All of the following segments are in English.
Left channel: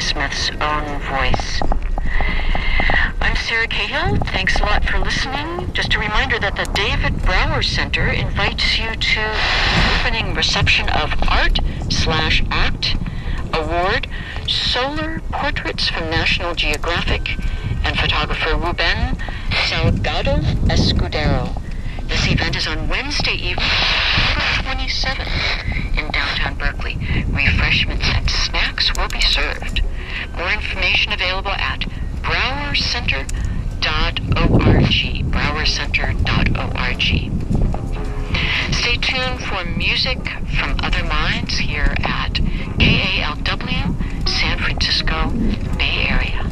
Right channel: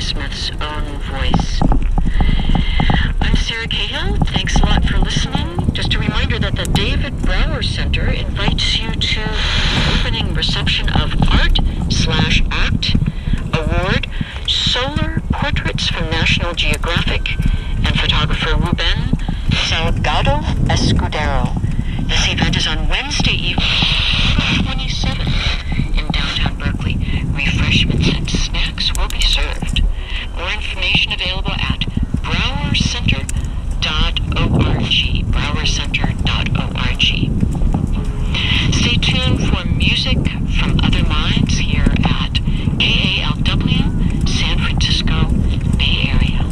Smith's own voice. I'm Sarah Cahill. Thanks a lot for listening. Just a reminder that the David Brower Center invites you to the opening reception of Art/Act Award Solar Portraits from National Geographic and photographer Ruben Salgado Escudero. This event is on Wednesday evening, October 27th in downtown Berkeley. Refreshments and snacks will be served. More information available at browercenter.org. browercenter.org. Stay tuned for music from other minds here at KALW, San Francisco Bay Area.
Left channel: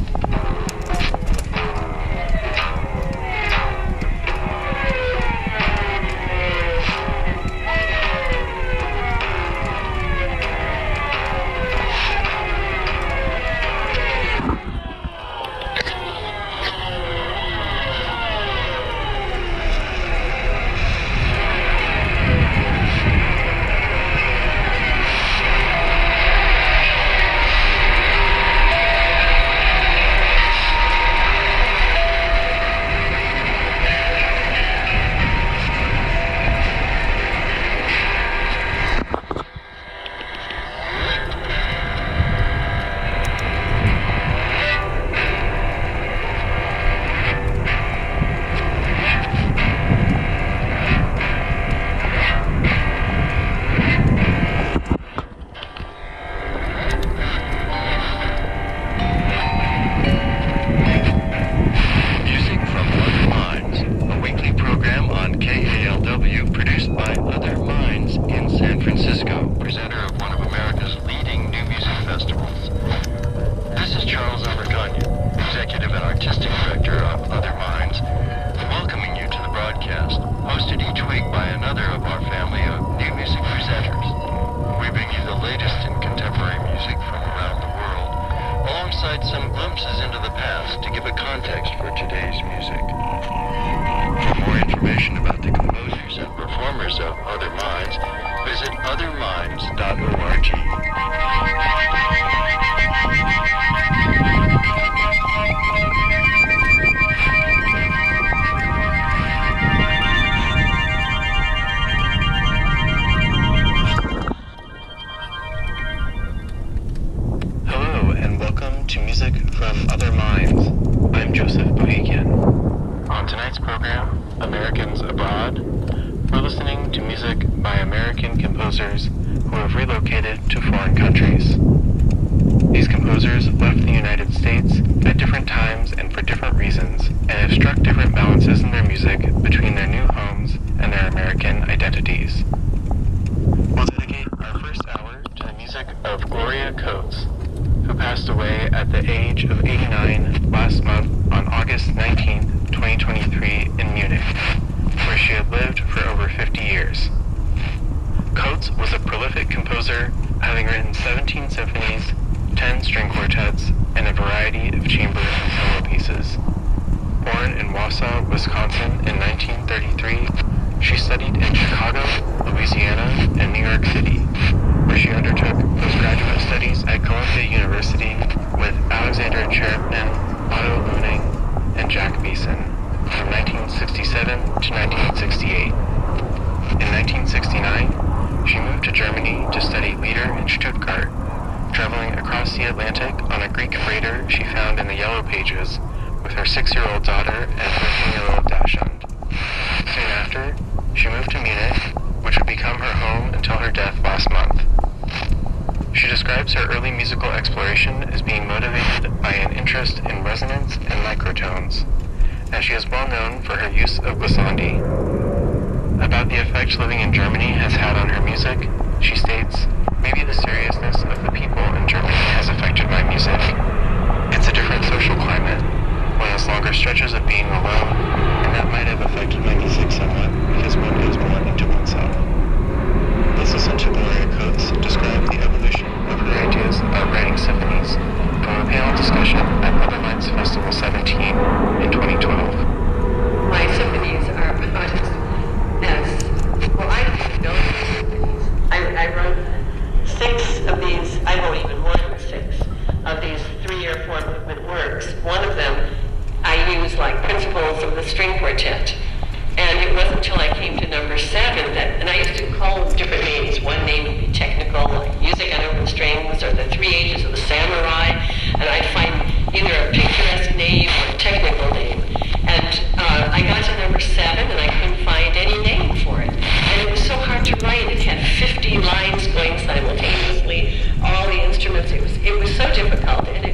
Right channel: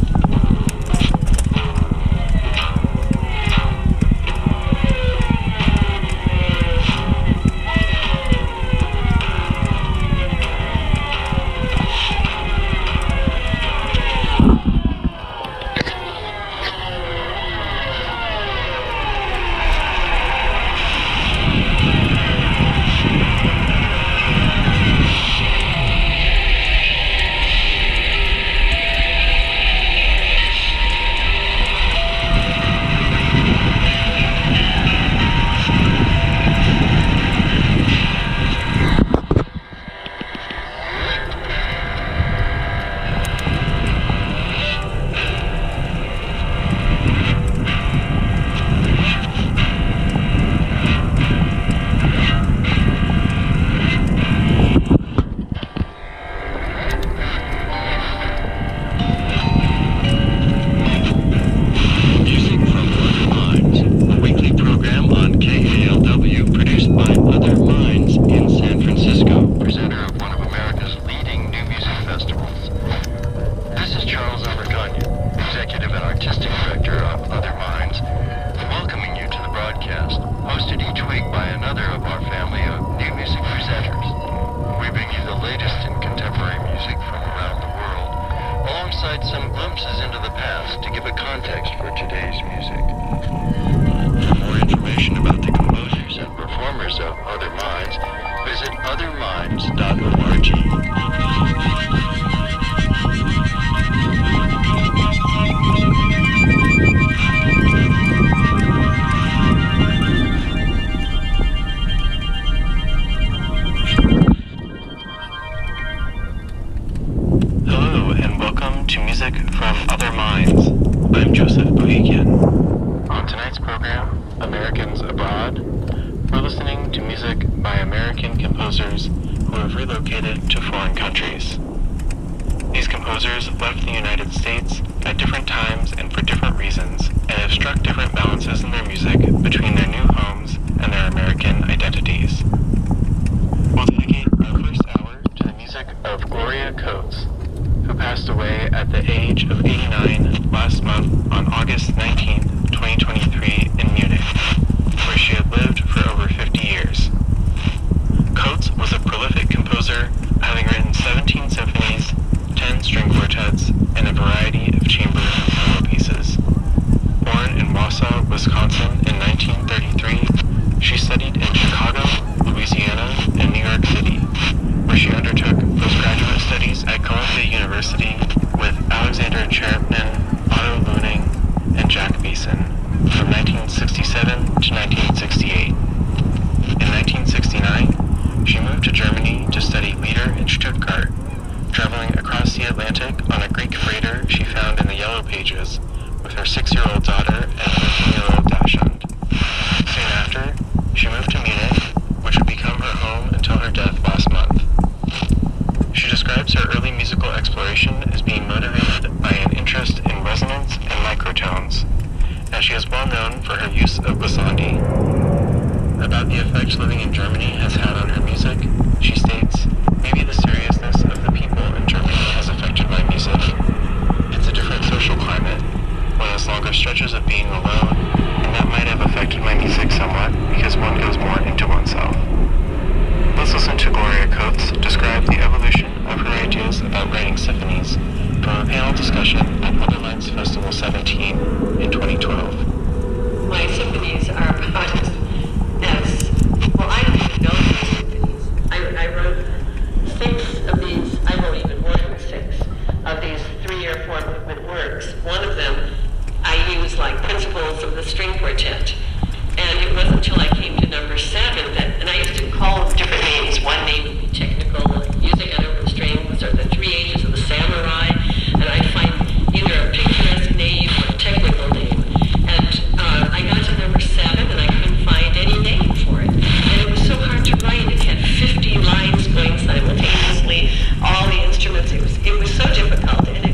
name would be technical, like music on open strings, or the 3 ages of the samurai, and I'd find either a picturesque name or a technical name. And I got to number 7, and I couldn't find any name for it. And it was so hard to write. It had 50 lines going simultaneously, all the instruments. It was so difficult, and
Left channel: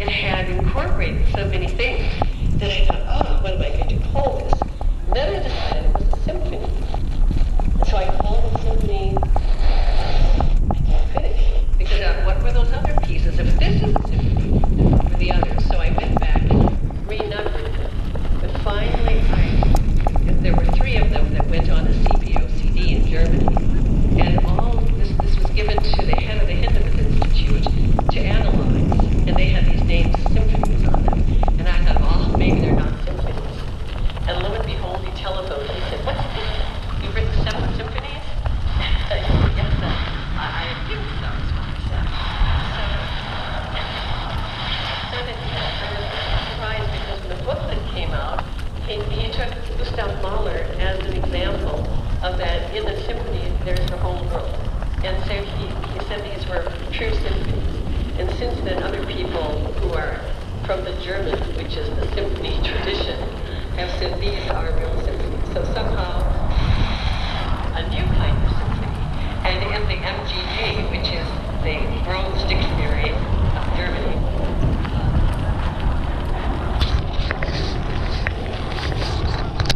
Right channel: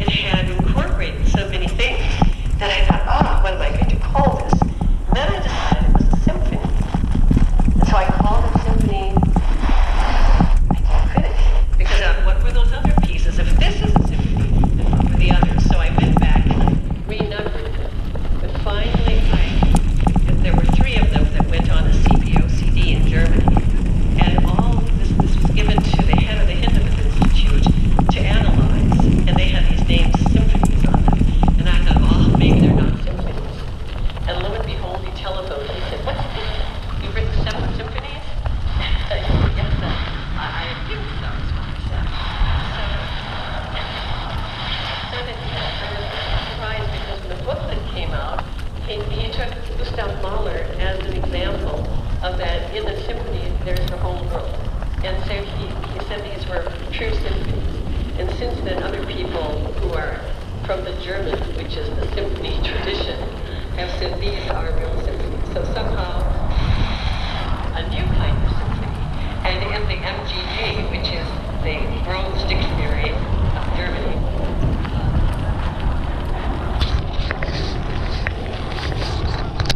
it had incorporated so many things that I thought, oh, what am I going to call this? And then I decided it was a symphony. And so I called it symphony. I can't finish. Because what were those other pieces? If this is a symphony, then what were the others? So I went back and I renumbered them. But finally, there were 3 of them that went on a CPO CD in Germany. And all this was given to the head of the Hindenburg Institute to analyze. And they had these named symphonies on them. And I thought, oh, maybe they're not symphonies. And lo and behold, he telephoned. He said, what's this? You've written 7 symphonies? Yes, I think so, is what he said. So then I was surprised because when the booklet came out, he took Gustav Mahler as an example of that in the symphony there's the whole world. And so he said these were true symphonies. And since then other people who are from the German, which is the symphony tradition, have said these are real symphonies. So somehow a new kind of symphony. And in the MGA, which is the World Stick